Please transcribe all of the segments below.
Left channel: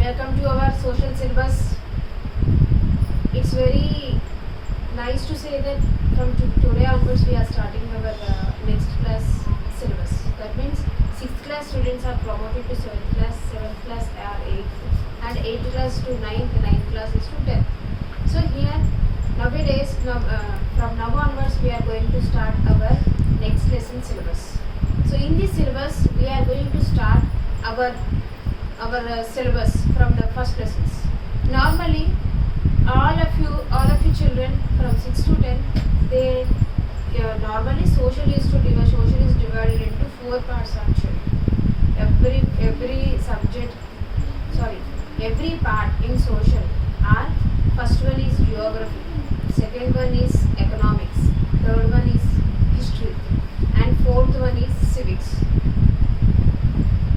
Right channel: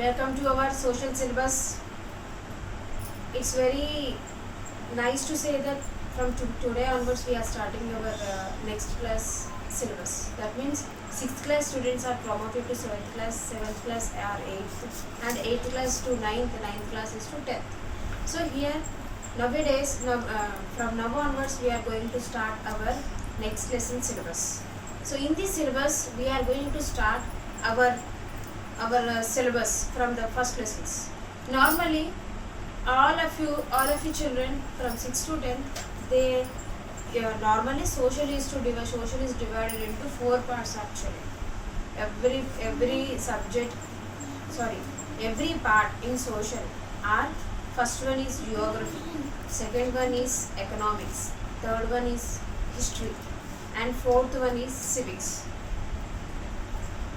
Welcome to our social syllabus. It's very nice to say that from today onwards we are starting our next class syllabus. That means 6th class students are promoted to 7th class, 7th class are 8th, and 8th class to 9th, 9th class is to 10th. So here nowadays, from now onwards we are going to start our next lesson syllabus. So in this syllabus we are going to start our syllabus from the first lessons. Normally all of you children from 6 to 10, they normally social is divided into 4 parts actually. Every part in social are, first one is geography, second one is economics, third one is history, and fourth one is civics.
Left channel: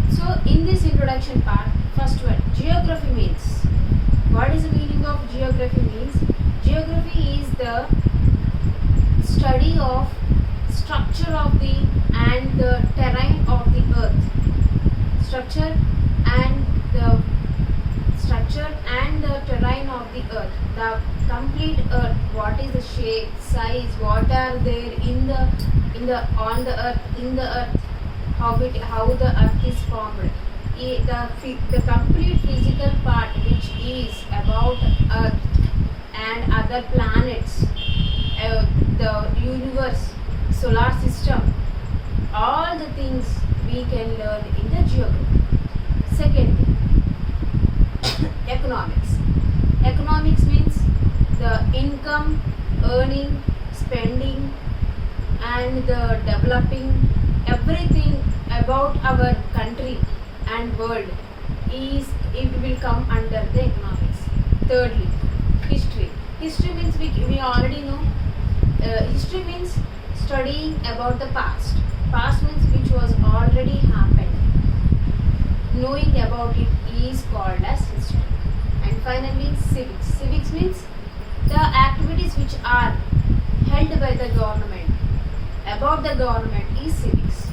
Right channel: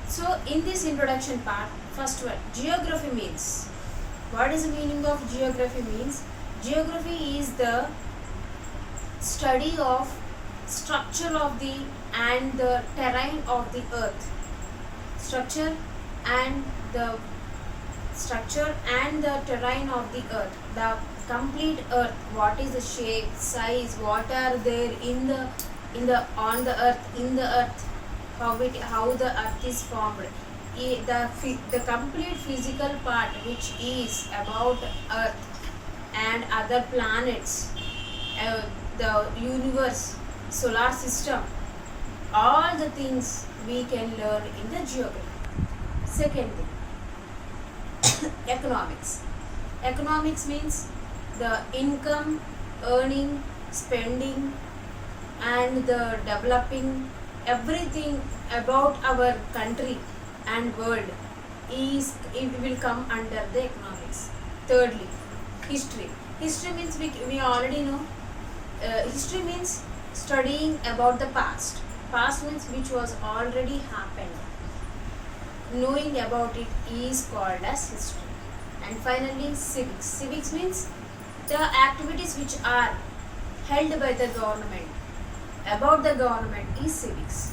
So in this introduction part, first one, geography means. What is the meaning of geography means? Geography is the study of structure of the and the terrain of the earth. Structure and the terrain of the earth. The complete earth, what is the shape, size, what are there on the earth, how the earth is formed, the complete physical part which is about earth and other planets, the universe, solar system, all the things we can learn in the geography. Second thing, economics means the income, earning, spending, and the developing, everything about our country and world it will come under the economics. Thirdly, history means we already know. History means studying about the past means which was already happened. Knowing about it is called as history. And finally, civics means the activities which are held by the government, about the government, is civics.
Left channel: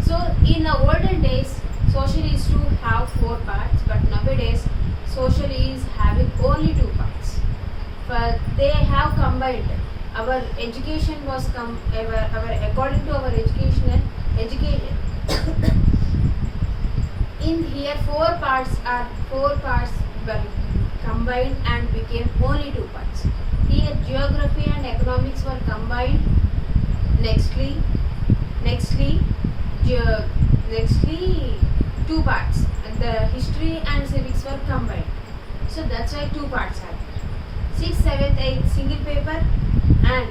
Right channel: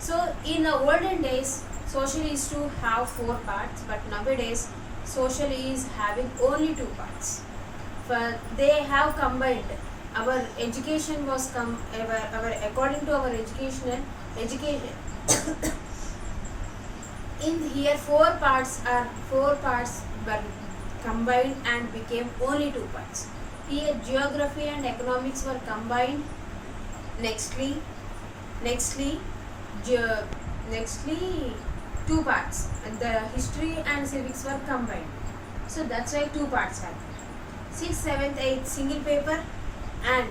So in the olden days, social used to have 4 parts, but nowadays social is having only 2 parts. But they have combined. Our education was according to our education in here 4 parts were combined and became only 2 parts. Here geography and economics were combined. Nextly 2 parts, and the history and civics were combined. So that's why 2 parts are 6th, 7th, 8th single paper, and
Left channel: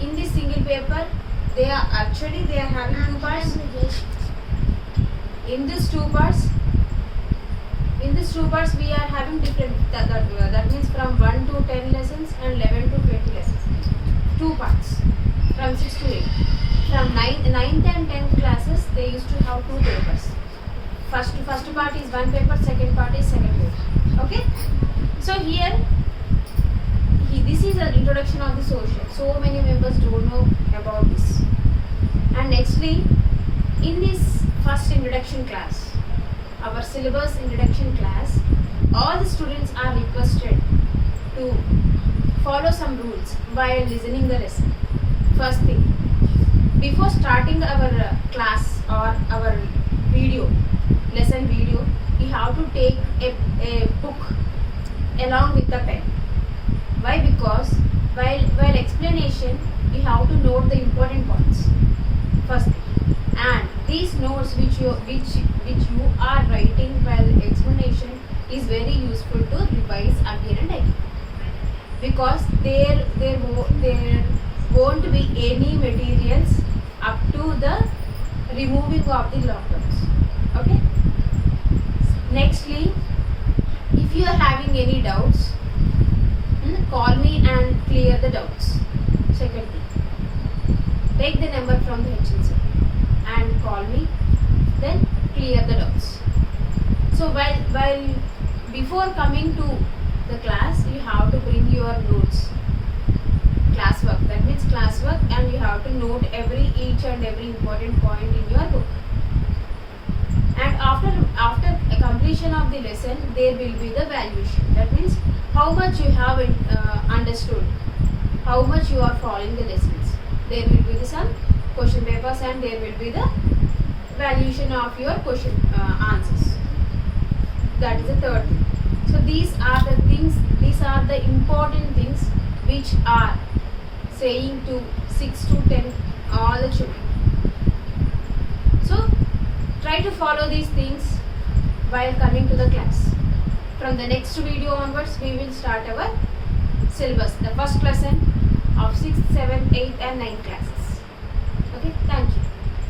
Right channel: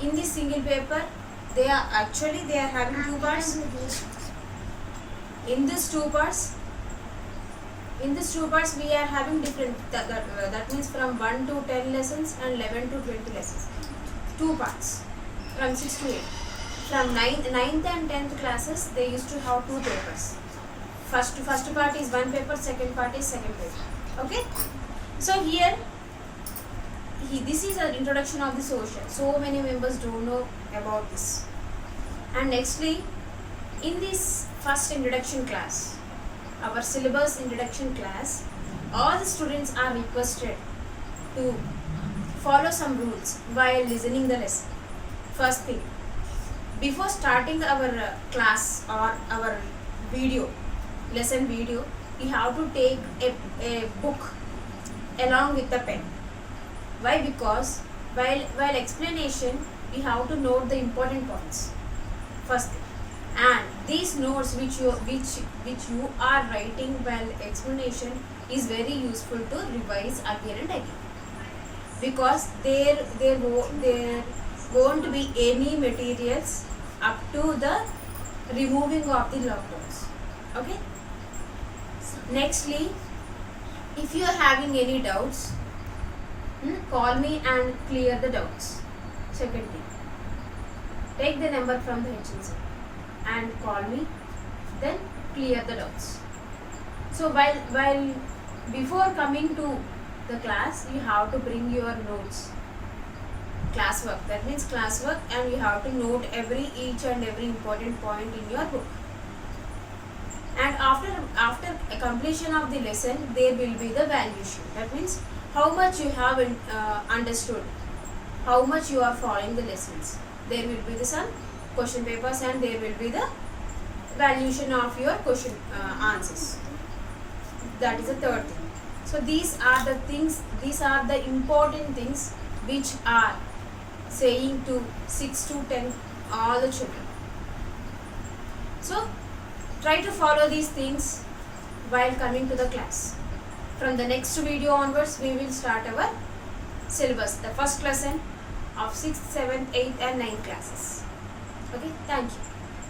in this single paper they are having 2 parts. In these two parts we are having different, that means from 1 to 10 lessons and 11 to 20 lessons. 2 parts from 6 to 8. From 9th and 10th classes they used to have 2 papers. First part is 1 paper, second part is second paper. Okay. So here this is an introduction of the social. So many members don't know about this. And nextly, in this first introduction class, our syllabus introduction class, all the students are requested to follow some rules while listening the lesson. First thing, before starting our class or our lesson video, we have to take a book along with the pen. Why? Because while explanation we have to note the important points first thing, and these notes which you are writing while explanation is very useful to revise again and again, because there won't be any materials up to the removing of the lockdowns. Okay. Nextly, if you are having any doubts, call me and clear the doubts. Second thing, take the number from the HNC and call me, then clear the doubts. So while before coming to the class, you have to bring your notes, classwork. That means classwork, and you have to note each and every important point in your book. And after completion of the lesson, there will be the valuation. That means how much you have understood, how much you are following the lessons. There will be some question papers and there will be the valuation of your question answers. That is the third thing. So these are the things, these are the important things which are saying to 6 to 10 all the children. So try to follow these things while coming to the class. From the next video onwards, we will start our syllabus, the first lesson of 6th, 7th, 8th and 9th classes. Okay, thank you.